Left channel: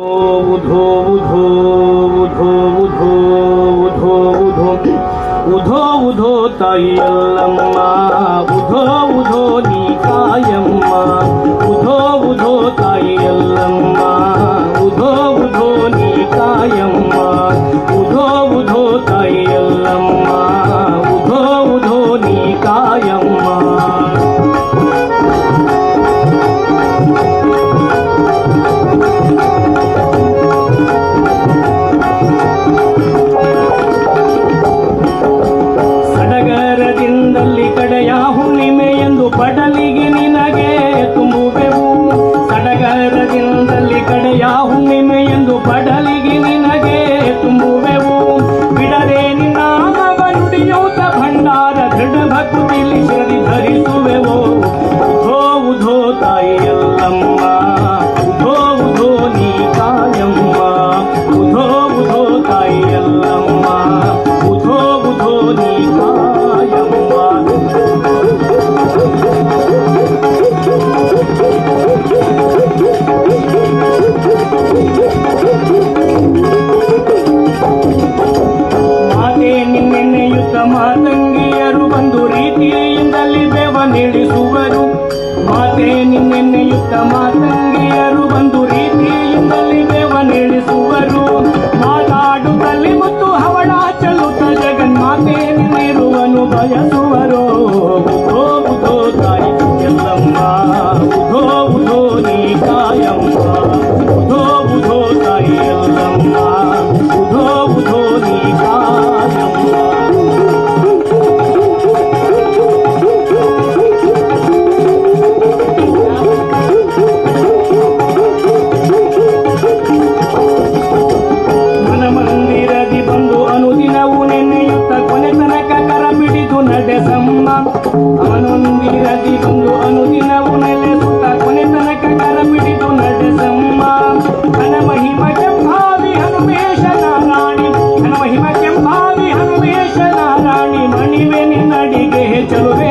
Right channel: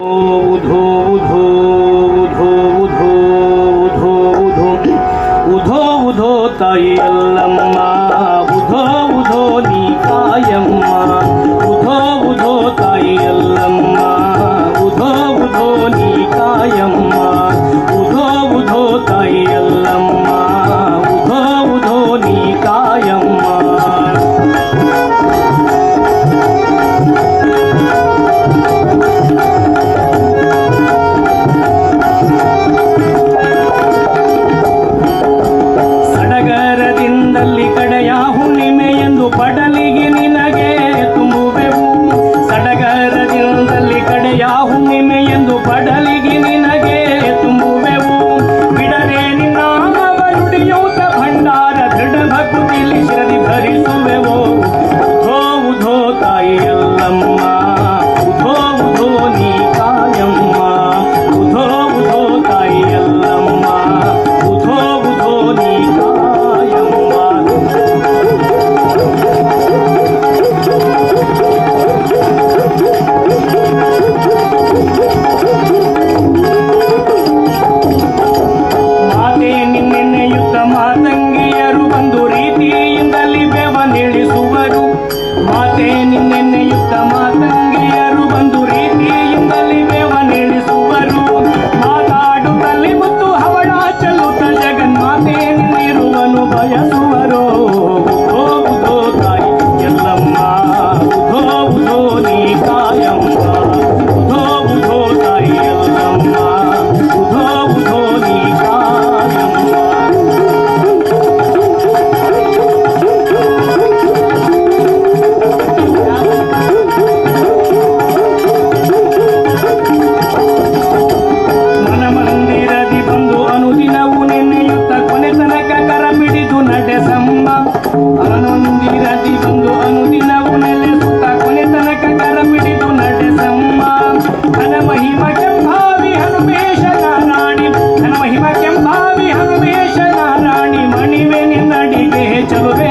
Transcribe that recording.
উধো উধো উধো উধো উধো উধো উধো উধো তাই আল্লাহ Oh! ಚಲುವೆ.